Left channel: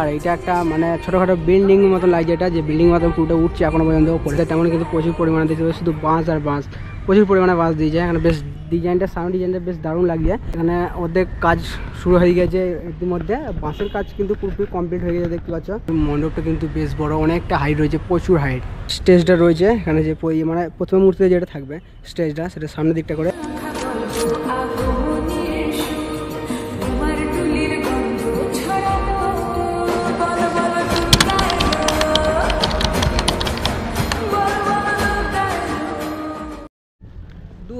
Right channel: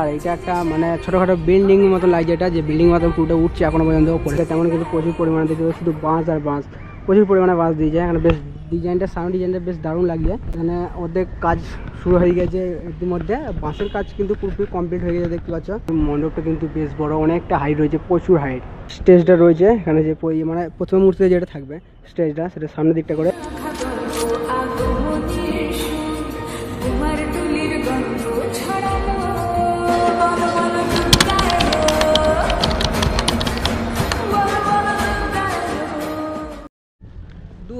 আর এটা একটা মানে ছোটোখাটো বিল্ডিং মতো লাগছে, এটা যে বিল্ডিং মতো পুরোটা উঠছে এখনো পর্যন্ত পড়ে, তেমন কিন্তু প্রচুর পরিমাণে দেখতে পাচ্ছি, শুধু বাঁশ আর বাঁশ, প্রচুর পরিমাণে বাঁশ দিয়েছে এখানে। বেশ ডিজাইনটা, সাউন্ড ডিজাইনটা বেশ দারুণ লাগছে। এখানে ওদের কাজ শুরু হয়ে গেছে ইতিমধ্যে, বাঁশের কাজ কিন্তু পুরোপুরি কমপ্লিট হয়ে গেছে দেখতে পাচ্ছ। মণ্ডপটা কিন্তু বেশ বড়, অনেকটা হাইট রয়েছে, প্রচুর হাইট। স্টেজটা রয়েছে এখানে, যে মানে প্রথম মূর্তিতে যেটা থাকবে স্টেজটা, সেটা সামনের দিকটা করে।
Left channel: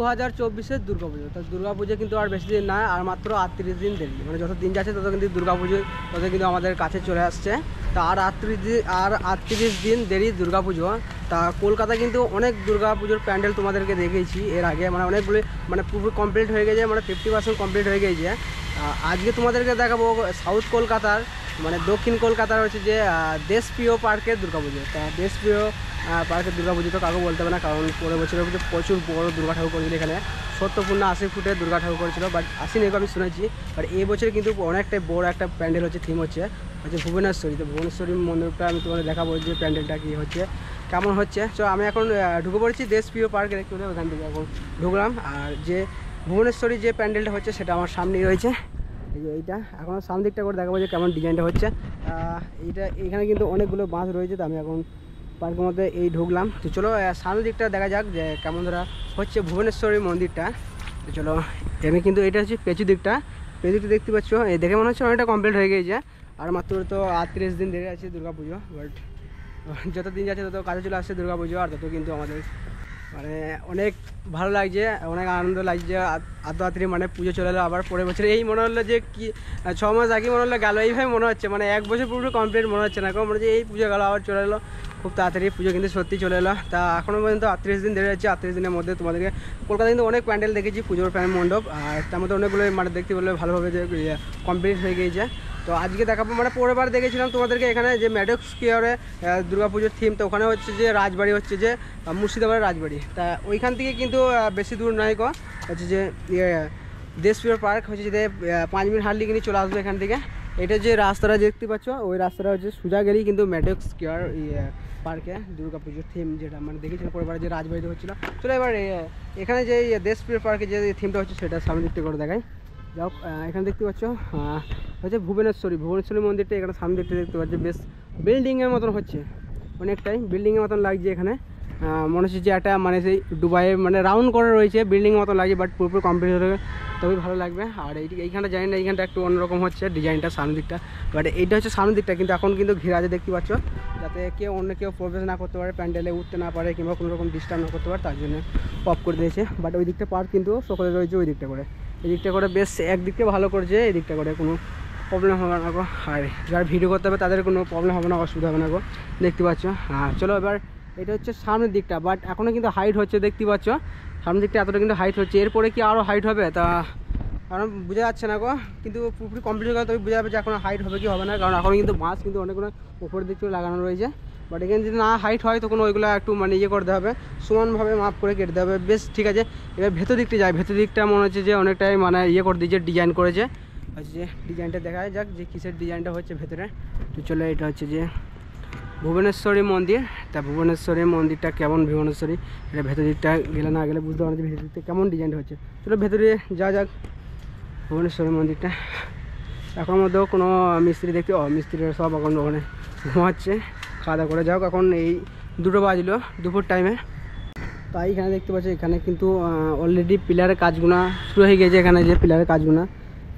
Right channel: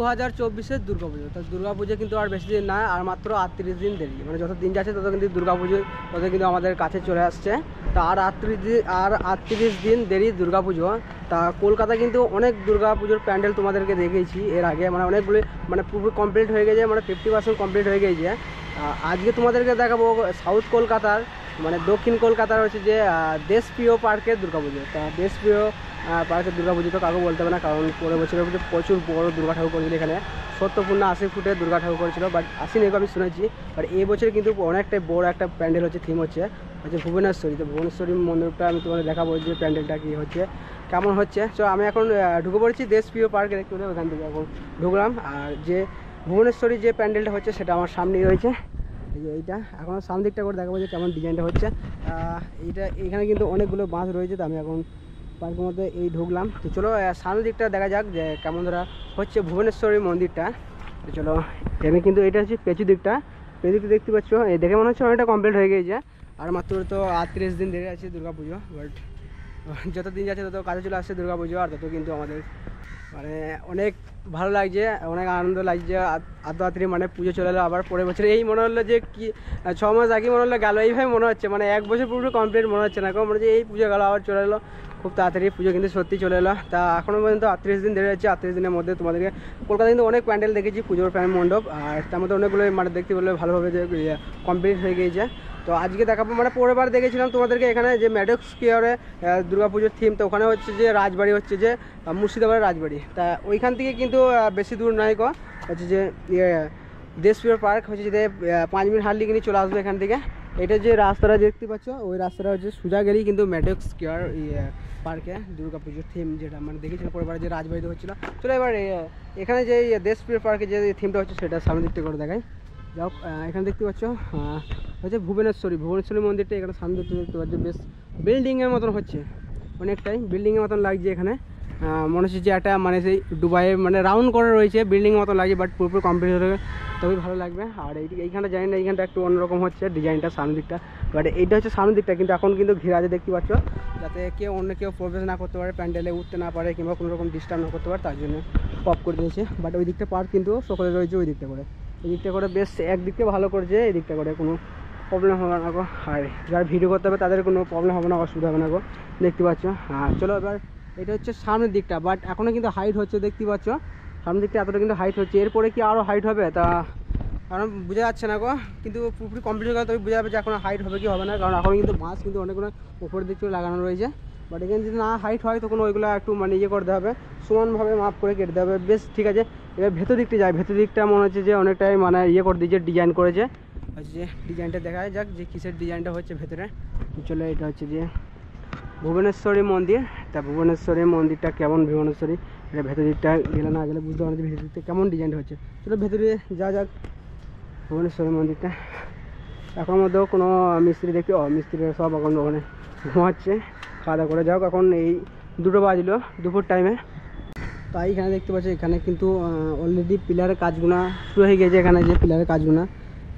2024-এর দুর্গাপুজো। তো দুর্গাপুজো কিন্তু আর বেশি দিন না, আর মাত্র 38 দিন দেরি। মানে যত দিন যাচ্ছে তত কিন্তু দুর্গাপুজো তত কিন্তু আমাদের কাছে চলে আসছে। তা আর 38 দিন দেরি দুর্গাপুজো। তা কলকাতা কিন্তু অনেক দুর্গাপুজোর প্যান্ডেল তোমাদেরকে দেখেছি এর আগে, মানে অনেকগুলি মানে পুরো কমপ্লিট হয়ে গেছে, মানে 50% কমপ্লিট হয়ে গেছে। আজকে তোমাদেরকে দেখাবো সাউথ কলকাতার, মানে দক্ষিণ কলকাতার হচ্ছে যে দেশপ্রিয় পার্কের দুর্গাপুজো। তা দেশপ্রিয় পার্কের দুর্গাপুজো তো কাউকে বলতে হবে না, কারণ পরের বছরের পুজো প্রচুর বড় দুর্গা ঠাকুর করেছিল এখানে, 70 না 80 ফুটের দুর্গা ঠাকুর করেছিল, বাট আসেনি আমি শুনেছি। বাট এই বছর কিন্তু অনেকটাই বড় একটা প্যান্ডেল হচ্ছে, থিম হচ্ছে ভুবনেশ্বরী। তো ভুবনেশ্বরী মন্দিরটা আমি তোমাদের দেখাবো যে প্যান্ডেলটা কী হচ্ছে, কেমন হচ্ছে। তো আমি এখন ঢুকে পড়েছি দেশপ্রিয় পার্কে, দেখতে পেলে ওখান থেকে এখন ঢুকলাম। আর যে ভুবনেশ্বরী যে প্যান্ডেলটা হচ্ছে সেটা আমার সামনেই রয়েছে, এই যে এইটা। এখন সামনের দিকটা করে দেখাবো যে কেমন ডিজাইনটা হচ্ছে। এখানে কিন্তু অনেকগুলো বাঁশ রয়েছে। তো আমি এখন পার্কের মধ্যে এই ঢুকলাম। তো চলো সামনের দিকটা দেখা যাক যে কেমন ধরা হচ্ছে ভুবনেশ্বরী মন্দিরটা। তো চলো, এখানে কিন্তু এটা হচ্ছে পেঁচু দিকটা দেখতে পাচ্ছ, এই দেখে মনে হচ্ছে অনেকটা কমপ্লিট হয়ে গেছে। আর মাত্র তো 38 দিন দেরি আছে দুর্গাপুজো, বাট যত দিন যাচ্ছে তত কাছে চলে আসছে দুর্গাপুজো, আর তত কিন্তু আমাদের মানে অনেক ভালো লাগছে, অনেক আনন্দ লাগছে। আদ্যরাত্রি মানে পুজো চলে এলো আবার পরের বছর। এই মনে হলো যে কি 6 মাস আগে মনে হলো গেল, এইভাবে মনে হচ্ছে, মানে এক বছর পুরো কমপ্লিট মনে হচ্ছে না, কারণ মনে হচ্ছে এই পুজো গেলো আবার চলে এলো খুব তাড়াতাড়ি। পুজো কিন্তু সত্যি চলে এলো। তা এখনও পর্যন্ত 38 দিন দেরি যাচ্ছে। 38 দিনের মধ্যে তোমাদেরকে কলকাতা কিন্তু অনেক প্যান্ডেল দেখেছি, পুজোর প্যান্ডেল মণ্ডপ, আর তার মধ্যে অনেকগুলো মানে দেখতে বললে ভালোভাবে যে কমপ্লিট হয়ে গিয়েছে। তো আজকে দেখাবো, মানে পরের বার দেখেছিলাম তোমাদেরকে এখানে যে ম্যাডক্স স্কোয়ারে দুর্গাপুজোর থিম। তো ওখানে হচ্ছে যে রাজবাড়ি, হচ্ছে যে মুর্শিদাবাদের রাজবাড়ি। তা ওইখান থেকে কিন্তু বেশি দূর নয় হচ্ছে যে দেশপ্রিয় পার্ক হচ্ছে যে 5 মিনিট হাঁটলে কিন্তু চলে আসবে এখান থেকে। এটা যে রাস্তাটা দেখতে পাচ্ছ, ওই রাস্তাটা হচ্ছে সোজা গেলেই কিন্তু ম্যাডক্স স্কোয়ার পার্কে দুর্গাপুজোর থিম, যেটা মানে দেখেছিলাম পরের বার যে রাজবাড়িতে হচ্ছিলো। চলো এবার এখানে যে দেশপ্রিয় পার্কে যে থিমটা হচ্ছে সেটা সামনে দিকটা করে দেখাই। যাও, এখানে দেখতে পাচ্ছ হচ্ছে ভুবনেশ্বরী মন্দিরটা এখানে সামনে দেখতে পাচ্ছি, বেশ বিল্ডিংয়ের মতন হচ্ছে, অনেকটাই বিল্ডিংয়ের মতন লাগছে এখানে। মনে হচ্ছে যে একটা মানে সেই দুবাইয়ে মানে রাউন্ড করা রয়েছে, বিল্ডিংয়ের মতো লাগছে, বাট পুরোপুরি কমপ্লিট হয়ে তবেই ভালো লাগবে। আর এইখানটা জানি না, এইখানটা একটু অন্যরকম হচ্ছে ডিজাইনটা সামনের দিকটা, বাট এইটা হচ্ছে সামনের দিকটা কিন্তু এখন কিন্তু ঘিরে আছে দেখতে পাচ্ছ, যাতে কেউ প্রবেশ না করতে পারে, প্যান্ডেলে উঠতে না পারে, কিংবা কোনো রকম ডিস্টার্ব না করতে পারে, তার জন্য পপ করে দিয়েছে। বাট ওই দিকটা পার্ক কিন্তু সকলে রয়েছে ওই দিকটা করে, এই দিকটা করে বেশ একদিকটা ভালো করেছে, এই দিকটা করে কোনো প্রবলেম হবে না গো। আর যারা ভিডিও করতে হবে তাদের কোনো প্রবলেম হবে না, অসুবিধা হবে না গো, দেখতে পাচ্ছ। হ্যাঁ চলো এবার এটা হচ্ছে সামনের দিকটা, বাট এখনও কিন্তু হাইট হচ্ছে দেখতে পাচ্ছ, সামনের দিকটা এতটা কিন্তু হাইট হচ্ছে, এরপরে কি আরও হাইট হবে তা কারণ বোঝা যাচ্ছে না গো, কিন্তু পুরোপুরি কমপ্লিট হয়ে গেলে তবে বোঝা যাবে যে এখন হাইট হবে কি হবে না, কারণ এখন কিন্তু বাঁশ কিন্তু অনেকগুলো উপরের দিক থেকে লাগানো রয়েছে। বাট এখানে যদি না হাইট হয় তখন ওইগুলো একটু মানে করতে হবে, সমানভাবে মাপ করে কেটে হবে, বেশ ঠিক আছে। এবার ভেতর দিকটা যায়, ভেতর দিকটা মনে হচ্ছে যে অনেকটাই মানে করে দিয়েছে, ডিজাইন করেছে, হচ্ছে যে ডিজাইনটা দেখা যাক যে কিসের ডিজাইনটা হচ্ছে ভেতরে। তো চলে এটা হচ্ছে যে ভুবনেশ্বরী মন্দির। তা ভুবনেশ্বরী মন্দিরটা কেমন, ভুবনেশ্বরী এটা ভেতর দিকটা গেলে না গেলে বুঝতে পারছি ভেতর দিকটা কেমন ডিজাইনটা হচ্ছে। চলো ভেতরে যা যাক ভুবনেশ্বরী মন্দিরটা। এখন মধ্যেও কোনো মিস্ত্রি দেখতে, মিস্ত্রিরা সব এখন ওখানে ঘুমাচ্ছে, খাওয়া দাওয়া করে। যাও এখন এই 2টো বাজলো দুপুর টাইমে। তাই এখানে দেখতে পাচ্ছি এখানে কিন্তু অলরেডি পিলারের কাজগুলো শুরু হয়ে গিয়েছে, এখানে যে পিলারের কাজগুলো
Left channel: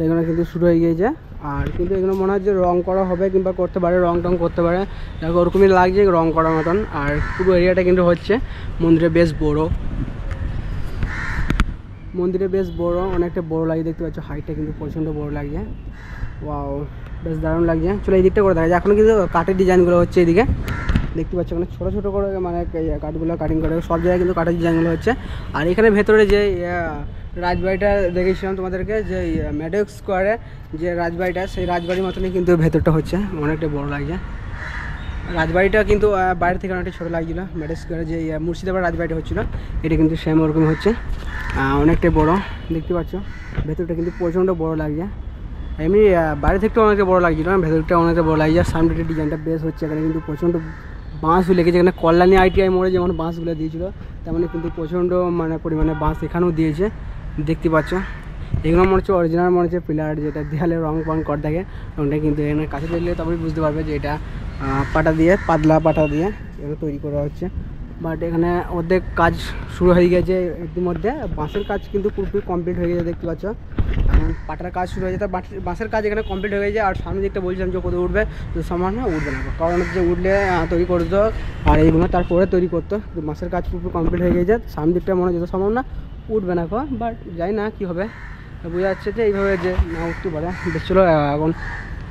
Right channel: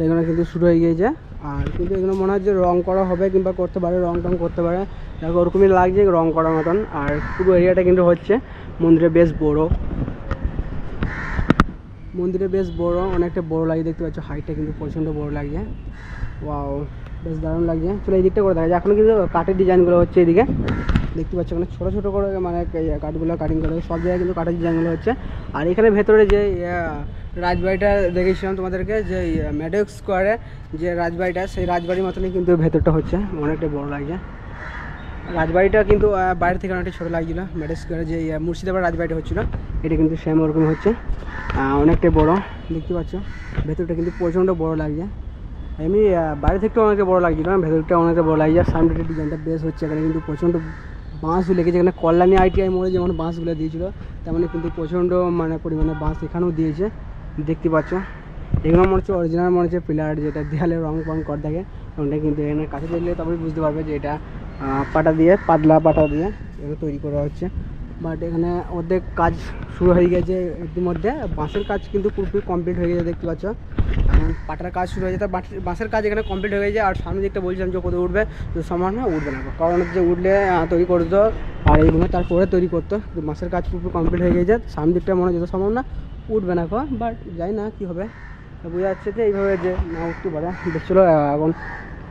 এগুলো কিন্তু শুরু হয়ে গিয়েছে। আর কিন্তু এগুলো মনে হয় যে রং করা হবে কিংবা করতে পারে, রং টং করতে পারে, দেখো ওরকমই লাগছে রং করার মতন। আর পুরো এরিয়াটা কিন্তু হচ্ছে মন্দিরে বেশ বড়, অনেকটা বড় লাগে দেখতে পাচ্ছ, হাইটটা কিন্তু প্রচণ্ড বড় লাগছে, ওয়াও বেশ দারুণ লাগছে। চলো এই দিকটা করে দেখা যায়, এখন কিন্তু কাঠের ডিজাইনগুলো হচ্ছে এদিকে দেখতে পাচ্ছ, মানে ছোটো ছোটো করে মানে কাঠগুলো কাটিং করে সব জায়গায় কিন্তু কাঠের ডিজাইনগুলো হচ্ছে। আর এখানে ভেতরে যে রাজবাড়িটা দেখেছিলাম তোমাদেরকে, যে ম্যাডক্স স্কোয়ারে যে রাজবাড়িটা, সেই রাজবাড়ির মতনই কিন্তু ভেতরটা হচ্ছে, অনেকটা বড় লাগছে। রাজবাড়িটা কিন্তু বাইরে থেকে অনেকটা ছোটো লাগছিলো, ম্যাডক্স স্কোয়ারে যে মুর্শিদাবাদ রাজবাড়িটা হচ্ছিলো, এটা কিন্তু সেম ওরকম হচ্ছে, অনেকটাই বড় দেখতে পাচ্ছ, ভেতরটা কিন্তু প্রচণ্ড বড় লাগছে। এমনি বাইরে থেকে অনেকটা বড়ো লাগছিল, ভেতরটা অনেকটা বড়ো লাগছে। আর সামনের ডিজাইনটা বেশ হচ্ছে, এখানে কিন্তু প্রচণ্ড বাঁশ লেগেছে। এখানে কল্যাণী ITI মোড়ে যেমন বাঁশগুলো দিয়েছিলো তেমন কিন্তু প্রচণ্ড মানে পরিমাণে বাঁশ এখানেও দিয়েছে, দেখতে পাচ্ছ। এগুলো মনে হচ্ছে অরিজিনাল, মনে হচ্ছে পিলার যেটা দেয়ালে রং ফং কর থাকে ওটা কিন্তু এখানে কাছে দেখলে তবে বুঝতে পারবে যে এটা পাটা দিয়ে, পাতলা পাটা দিয়ে এগুলো তৈরি করা হচ্ছে। বাট এখানে অর্ধেক কাজ শুরু হয়ে গেছে ইতিমধ্যে। বাঁশের কাজ কিন্তু পুরোপুরি কমপ্লিট হয়ে গেছে, দেখতে পাচ্ছ। এখন পাটার কাজ শুরু হয়ে যেতে, বাঁশের কাজ এখানে কমপ্লিট হয়ে গেছে। আর সামনে দিকটা বলছিলাম যে কোথাও উঠবে, তো সমান উঠবে না, কারণ হচ্ছে উঠলে তৈরি করতো আর এইগুলো তারপরে তৈরি করতো। বাঁশের কাজ পুরোপুরি কমপ্লিট হয়ে গেছে, সামনের দিকটা মনে যত সম্ভব না উঠবে না। বাট যাই না কী হবে, বোঝা যাচ্ছে যে এইভাবে যে না উঠতে পারে। বেশ চলো এখন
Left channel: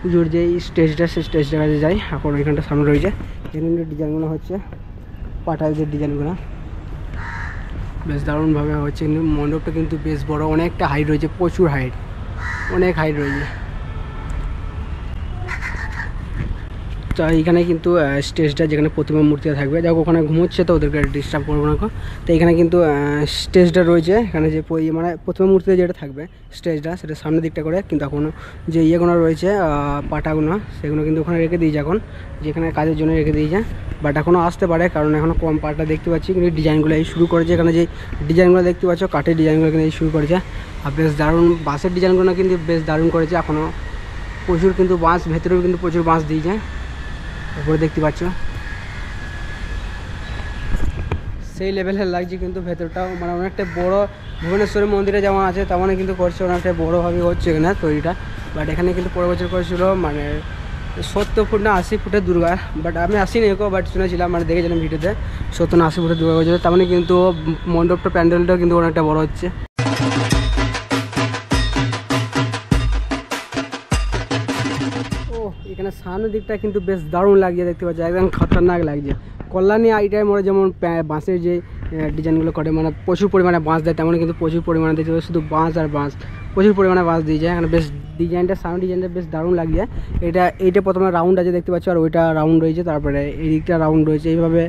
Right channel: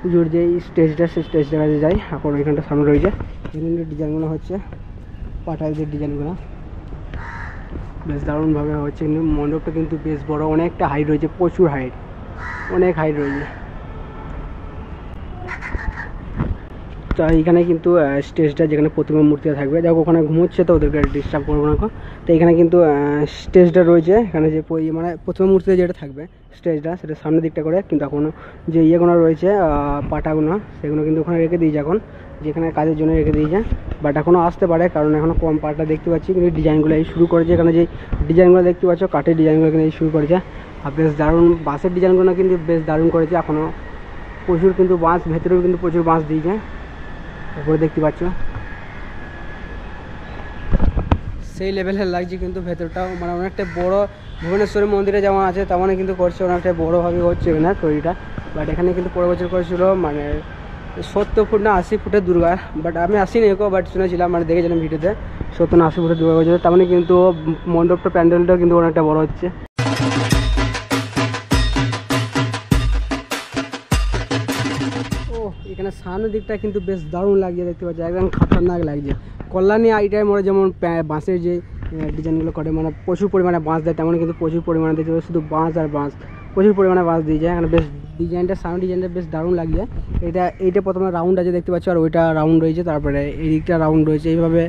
পুজোর যে স্টেজটা, সেই স্টেজটার কাছে যাই। এখন ওইখানটা সামনে রয়েছে, এখানে ডিজাইনগুলো হচ্ছে পাটার যে ডিজাইনগুলো বেশ দারুণভাবে হচ্ছে। কিন্তু মণ্ডপটা কিন্তু বেশ বড়, অনেকটা হাইট রয়েছে, প্রচুর হাইট, অনেক হাইট রয়েছে। তো এইখানে কিন্তু স্টেজটা যেখানে প্রতিমা মূর্তিটা থাকবে, যাক ওখানে ঘুমোচ্ছে তো ওদেরকে ডিস্টার্ব করবো না। তো এখানে কিন্তু স্টেজটা রয়েছে, এখানে যে মানে প্রতিমা মূর্তিতে যেটা থাকবে স্টেজটা, সেটা সামনের দিকটা করে। কিন্তু এখন যে ইয়েগুলো রয়েছে পাটাগুলো, সেগুলো কিন্তু ওখানে রেখে দিয়েছে এখন, যেখানে কাজের জন্য রেখে দিয়েছে। বাট এখনও আসতে পারে, কারণ এখনও কম পাটা দেখতে পাচ্ছি। কিন্তু ডিজাইনগুলো এই শুরু করেছে, এখানে যে ডিজাইনগুলো দেখতে পাচ্ছ কাঠের ডিজাইনগুলো কিন্তু এই শুরু করেছে। আর বেশ দারুণ বাঁশের ডিজাইনগুলো কিন্তু বেশ দারুণ করেছে। এখনও প্রচুর কিন্তু বাঁশ, ভেতরেও কিন্তু প্রচুর বাঁশ দিয়েছে, উপরে দেখতে পাচ্ছ সেই লেভেলের লাগছে। কিন্তু ভেতরটাও মানে অনেকটা বড়, ভুবনেশ্বরের মন্দিরে যেমন আছে তেমনই কিন্তু করছে, অনেকটা বড়োভাবে হচ্ছে এখানে তৈরিটা। বাট এখানে কিন্তু পরের বছর করেছিল মানে 70 ফুট না 80 ফুটের দুর্গা। বাট আমি আসিনি এগো, বাট শুনেছিলাম, মানে দেখেছিলাম ভিডিওতে 70 না 80 ফুটের দুর্গা করেছিল। তেমন কিন্তু মণ্ডপটা, প্যান্ডেলটাও কিন্তু অনেকটা বড় হচ্ছে। এখানে সামনের দিকটা কিন্তু বেশ দারুণ লাগছে, দেখতে পাচ্ছি একদম খতরনাক লাগছে। কল্যাণী ITI মোড়ে যেমন বাঁশের যে ডিজাইনগুলো করে, মানে প্রচুর পরিমাণে বাঁশ দেয়, তেমনই কিন্তু প্রচুর পরিমাণে দেখতে পাচ্ছি শুধু বাঁশ আর বাঁশ, প্রচুর পরিমাণে বাঁশ দিয়ে যায়। এখানে বেশ ডিজাইনটা, সামনের ডিজাইনটা বেশ দারুণ লাগছে। এইটা প্রথমে রাউন্ড আছে দেখতে পাচ্ছি, আর ওইটা রাউন্ড রয়েছে, তারপরে এই দিকটা রাউন্ড রয়েছে। এইভাবে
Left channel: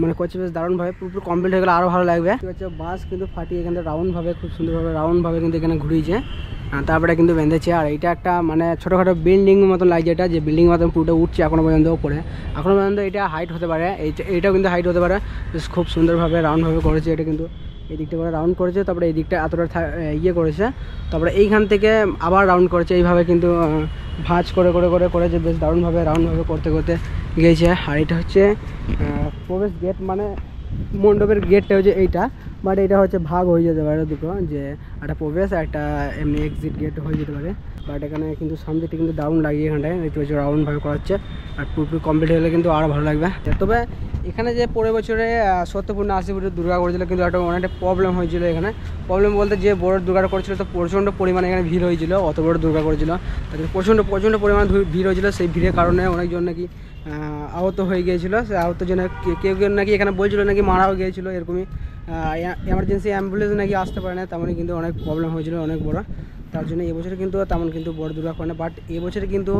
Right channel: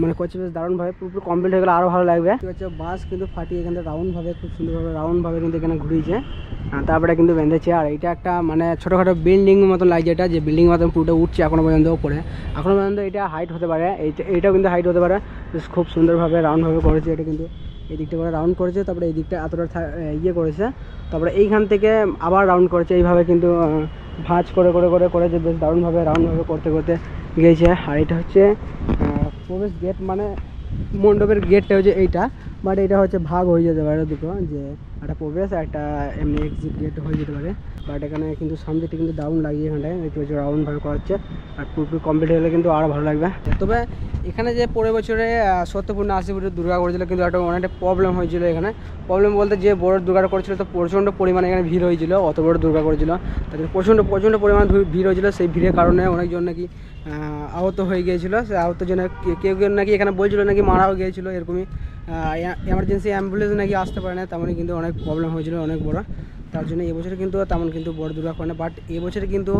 মানে করছে বেশ দারুণভাবে, পুরোপুরি কমপ্লিট হয়ে গেলে আরও ভালো লাগবে। দেখতে পাচ্ছি বাঁশ কিন্তু ফাটিয়ে এখানে রাউন্ডভাবে, খুব সুন্দরভাবে রাউন্ডভাবে কিন্তু এখানে ঘুরিয়েছে, তারপরে কিন্তু বেঁধেছে। আর এইটা একটা মানে ছোটোখাটো বিল্ডিং মতন লাগছে, এটা যে বিল্ডিং মতন পুরোটা উঠছে এখনও পর্যন্ত ওপরে, এখনও পর্যন্ত এটা হাইট হতে পারে, এইটাও কিন্তু হাইট হতে পারে। বেশ খুব সুন্দরভাবে রাউন্ডভাবে করেছে এটা, কিন্তু এই দিকটা করে রাউন্ড করেছে, তারপরে এই দিকটা এতটা ইয়ে করেছে, তারপরে এইখান থেকে আবার রাউন্ড করেছে। এইভাবে কিন্তু ভাঁজ করে করে করে করেছে, বেশ দারুণভাবে রাউন্ডভাবে করতে করতে গিয়েছে। আর এটা হচ্ছে প্রবেশ গেট, মানে মণ্ডপের গেটটা হচ্ছে এইটা। বাট এটা হচ্ছে ভাগ হয়ে যেতে পারে দুটো, যে একটা প্রবেশ একটা এমনি এক্সিট গেট হয়ে যেতে পারে। বাট এখানে কিন্তু সামনেটা কিন্তু দারুণ লাগিয়ে এখানটায় দেখতে পাচ্ছি রাউন্ডভাবে করা হচ্ছে। আর পুরোপুরি কমপ্লিট হলে কিন্তু আরও ভালো লাগবে। তবে এখানে যে পরের বছরে 70 ফুট না 80 ফুটের দুর্গা করেছিল, কিন্তু একটা অনেকটা প্রবলেম হয়েছিল এখানে। প্রবলেম বলতে যে বড় দুর্গাটা করেছিল তো প্রচণ্ড পরিমাণে এখানে ভিড় হয়েছিল, অত বড় দুর্গা করেছিল তাদের প্রচণ্ড পরিমাণে ভিড় হয়েছিল। সেই ভিড়ের কারণে অনেকজন নাকি আহত হয়ে গিয়েছিলো। সে আহত জন্য কেউ কেউ নাকি এখানে বলছিল নাকি মারাও গিয়েছিলো, এরকমই এমার্জেন্সি অ্যাম্বুলেন্স নাকি আসতে পারে না, তেমনই কিন্তু অনেক প্রবলেম হয়েছিল অনেক বড়। তার জন্য এবছরে কিন্তু তেমন কিন্তু বড় দুর্গা করে না। বাট এবছরে কিন্তু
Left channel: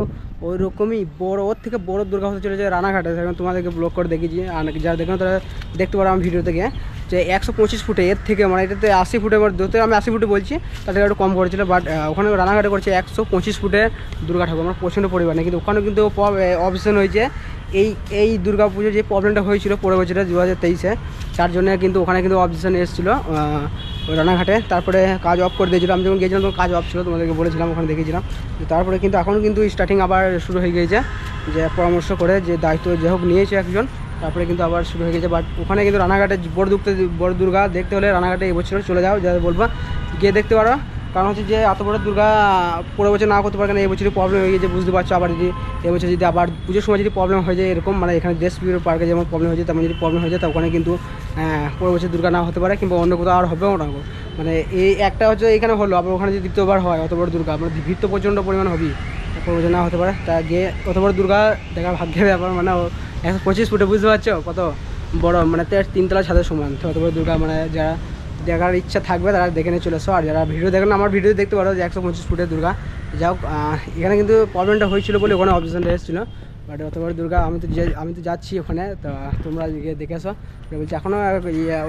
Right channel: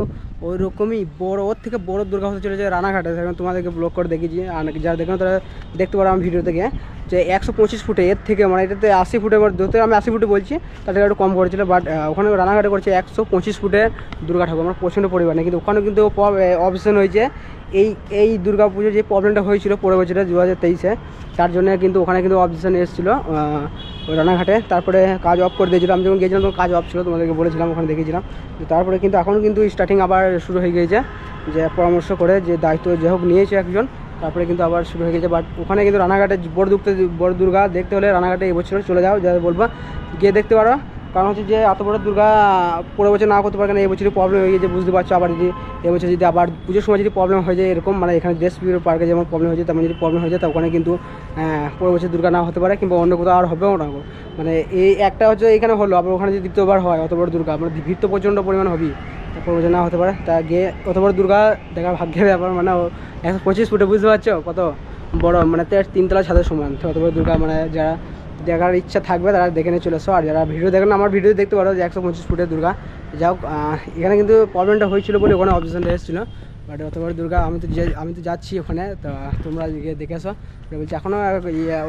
ওই রকমই বড়, ওর থেকে বড় দুর্গা হতে চলেছে রানাঘাটে। সেখানে তোমাদেরকে ব্লগ করে দেখিয়েছি, আর যারা দেখেন তারা দেখতে পারো আমার ভিডিও থেকে, যে 125 ফুটে, এর থেকে মানে এটাতে 80 ফুটের ধরতে আমি 80 ফুটে বলছি, তাদের একটু কম করেছিল। বাট ওখানে রানাঘাটে করছে 125 ফুটের দুর্গা ঠাকুর, আমার প্রচণ্ড পরিমাণে। কিন্তু ওখানে কিন্তু অপশন হয়েছে এই দুর্গা পুজোর যে প্রবলেমটা হয়েছিল পরের বছরে 2023-এ, তার জন্য কিন্তু ওখানে কিন্তু অবজেকশন এসেছিলো রানাঘাটে। তারপরে কাজ অফ করে দিয়েছিলাম, আমি যখন গিয়েছিলাম তখন কাজ অফ ছিল, তোমাদেরকে বলেছিলাম, ওখানে দেখেছিলাম। তারপরে কিন্তু এখন কিন্তু স্টার্টিং আবার শুরু হয়ে গিয়েছে, যে পরামর্শ করে যে দায়িত্ব যে হোক নিয়েছে একজন, তারপরে কিন্তু আবার শুরু হয়ে গেছে। বাট ওখানে কিন্তু রানাঘাটে বড় দুর্গা দেখতে হলে রানাঘাটে এবছর চলে যাও, যাদের বলবো গিয়ে দেখতে পারো। কারণ হচ্ছে যে এত বড় দুর্গা পরের বছর না করতে পারে, কারণ এবছরই প্রবলেম হয়ে গেছে, বুঝতে পারছো। আবার যদি এবছর যদি আবার পুজোর সময় যদি প্রবলেম হয়ে যায় এরকম, মানে এখানে দেশ বিরোধী পার্কে যেমন প্রবলেম হয়েছে তেমন যদি প্রবলেম হয়ে যায়, তা ওখানে কিন্তু পরের বছর দুর্গা না হতে পারে, কিংবা অন্য কোথাও আর হবেও না। মানে এই একটা হচ্ছে এখানে হলো, আবার ওখানে যদি দ্বিতীয়বার হয় অত বড় দুর্গা, মানে ভিড় তো প্রচণ্ড পরিমাণ হবেই, পরের বছর না হতে পারে। তা গিয়ে অত বড় দুর্গা দেখা ভাগ্যের ব্যাপার, মানে 125 ফুটে, বুঝতে পারছো কত বড়, মানে 3 তলা ছাদের সমান। তো অত বড় দুর্গা মানে যারা দেখার ইচ্ছা থাকবে তারা দেখে নিয়ে চলে এসো। আর যারা ভিডিও দেখেন আমার ভিডিও দেখতে পারো যে 125 ফুটের দুর্গা। যাই হোক, এখানে কিন্তু প্রবলেমটা হয়েছিল বলে ওখানে অবজেকশনটা এসেছিলো। বাট অত বড় দুর্গা আমি তো যাচ্ছি ওখানে, তো তোমরা গিয়ে দেখে আসো। বলছি এখনও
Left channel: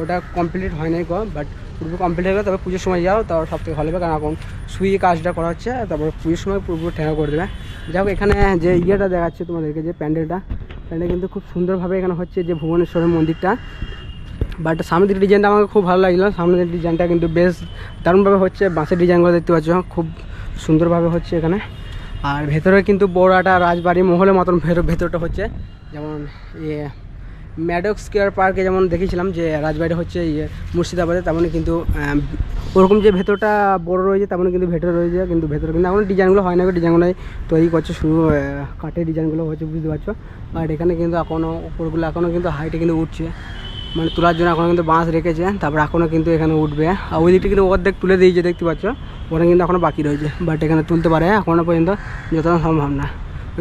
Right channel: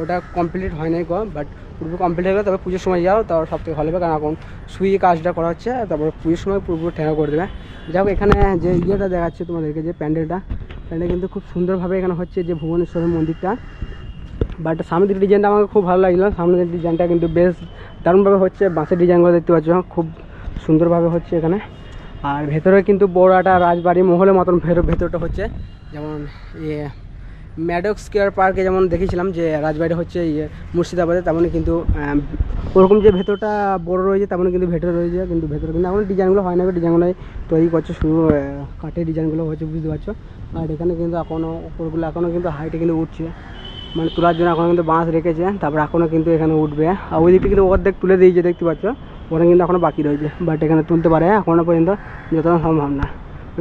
ওটা কমপ্লিট হয় নাই গো, বাট পুরো কমপ্লিট হয়ে গেলে তবে পুজোর সময় যাও, তারপর সব থেকে ভালো হবে। কারণ এখন সুইয়ে কাজটা করা হচ্ছে, তারপর পুজোর সময় পুরো ঠেকা করে দেবে। যাই হোক, এখানে যে ইয়েটা দেখাচ্ছে তোমাদেরকে, যে প্যান্ডেল কিন্তু খুব সুন্দরভাবে এখানে হচ্ছে, যে ভুবনেশ্বরের মন্দিরটা। বাট সামনের দিকের ডিজাইনটা আমাকে খুব ভালো লাগলো। সামনের ডিজাইনটা কিন্তু বেশ দারুণভাবে হচ্ছে, বাঁশের ডিজাইনগুলো দেখতে পাচ্ছ খুব সুন্দরভাবে হচ্ছে এখানে। আর ভেতরে কিন্তু বড় একটা রাজবাড়ি মহলের মতন ভেতরটা হচ্ছে, যেমন ম্যাডক্স স্কোয়ার পার্কে যেমন দেখেছিলাম যে রাজবাড়িটা হচ্ছে মুর্শিদাবাদে, তেমনই কিন্তু ওরকম যে ভেতরটা বড় রয়েছে তেমনই কিন্তু ভেতরে রয়েছে। কিন্তু ভেতরে কিন্তু এখন ডিজাইনগুলো হয় না, ডিজাইনগুলোই তৈরি করছে, শুধু কাঠের ডিজাইনগুলো হচ্ছে, বুঝতে পারছো। আর এখানে কিন্তু এখনও উপরগুলো এখনও কিন্তু হাইটে কিন্তু উঠছে, মানে তোলার জন্য এখনও কিন্তু বাঁশ রেখেছে, তারপর এখনও কিন্তু এখানে উঠবে। আর ওই দিকটা কিন্তু অর্ধেক তুলে দিয়েছে, দেখতে পাচ্ছ, ওখানে কিন্তু এখনও বাকি রয়েছে, বাট এখানে তুলতে পারে এখনও পর্যন্ত যতটা সম্ভব না।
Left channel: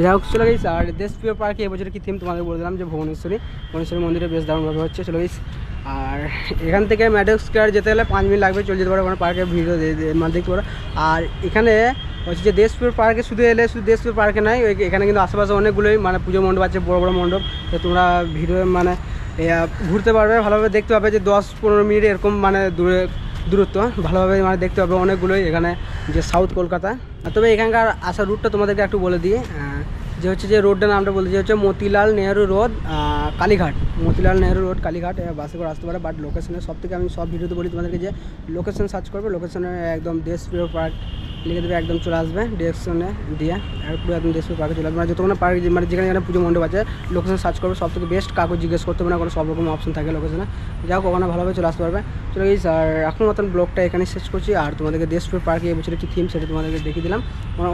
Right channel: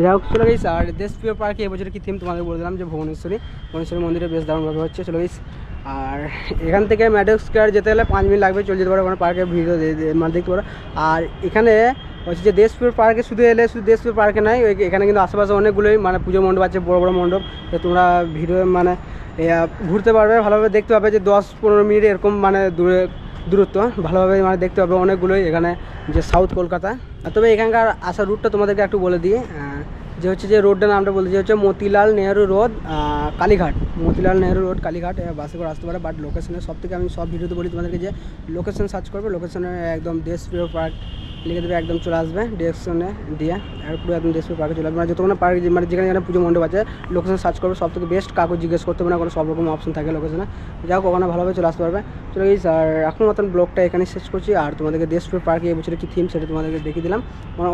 যাই হোক, চলে গেছি। আর দেশপ্রিয় পার্কে এবছর কি থিম তোমাদের বলে দিলাম, যে ভুবনেশ্বরী মন্দিরে বেশ দারুণভাবে হচ্ছে। চলে গেছি। আর এখান থেকে ম্যাডক্স স্কোয়ার যেতে গেলে 5 মিনিট লাগবে, চলে যেতে পারো, ওখানে পার্কে ভিডিও মানে দেখতে পারো। আর এখানে হচ্ছে যে দেশপ্রিয় পার্কে শুধু দেশপ্রিয় পার্কে নাই, এখানে কিন্তু আশেপাশে অনেকগুলোই মানে পুজো মণ্ডপ আছে, বড় বড় মণ্ডপ, তো তোমরা ভিডিও মানে ঘুরতে পারবে, ভালোভাবে দেখতে পাবে, যে 10-15 মিনিট এরকম মানে দূরত্ব ভালোভাবে মানে দেখতে পাবে অনেকগুলোই এখানে, যে সাউথ কলকাতা। তবে এখানকার আসার রুটটা তোমাদেরকে একটু বলে দিই, যে হচ্ছে যে রোডটার নামটা বলতে, যে হচ্ছে মতিলাল নেহরু রোড কালীঘাট, মতিলাল নেহরু রোড কালীঘাট, বাসে করে আসতে পারে। বাট লোকেশনে সব থেকে আমি সব ভিডিওতে বলি তোমাদেরকে, যে লোকেশন সার্চ করবে, লোকেশনে একদম দেশপ্রিয় পার্ক লিখে দেবে, একদম চলে আসবে ডিরেকশনে দিয়ে, আর পুরো একদম দেশপ্রিয় পার্কে চলে আসবে। মানে যতক্ষণ পার্ক মানে যেখানে পুজো মণ্ডপ আছে, লোকেশন সার্চ করবে, সব থেকে বেস্ট, কাগজ জিজ্ঞেস করতে হবে না, কোনো সব রকম অপশন থাকে লোকেশনে। যাও, ওখানে ভালোভাবে চলে আসতে পারবে। চলে গেছি। আর এখন মতন ব্লগটা এখানে শেষ করছি। আর তোমাদেরকে দেশপ্রিয় পার্কে এবছরের কী থিম সেটা তোমাদেরকে দেখিয়ে দিলাম।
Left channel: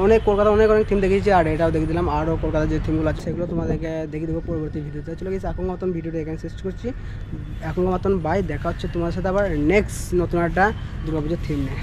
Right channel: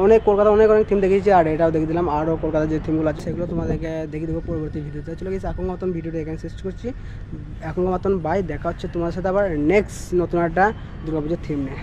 অনেক কলকাতা অনেক থিম দেখিয়েছি, আর এটাও দেখিয়ে দিলাম। আরও কলকাতার যে থিমগুলো আছে সেগুলো তোমাদেরকে দেখিয়ে দেবো পরবর্তী ভিডিওতে। চলে গেছি। এখন মতন ভিডিওটা এখানে শেষ করছি। এখন মতন বাই, দেখা হচ্ছে তোমার সাথে আবার নেক্সট নতুন একটা দুর্গাপুজোর থিম নিয়ে।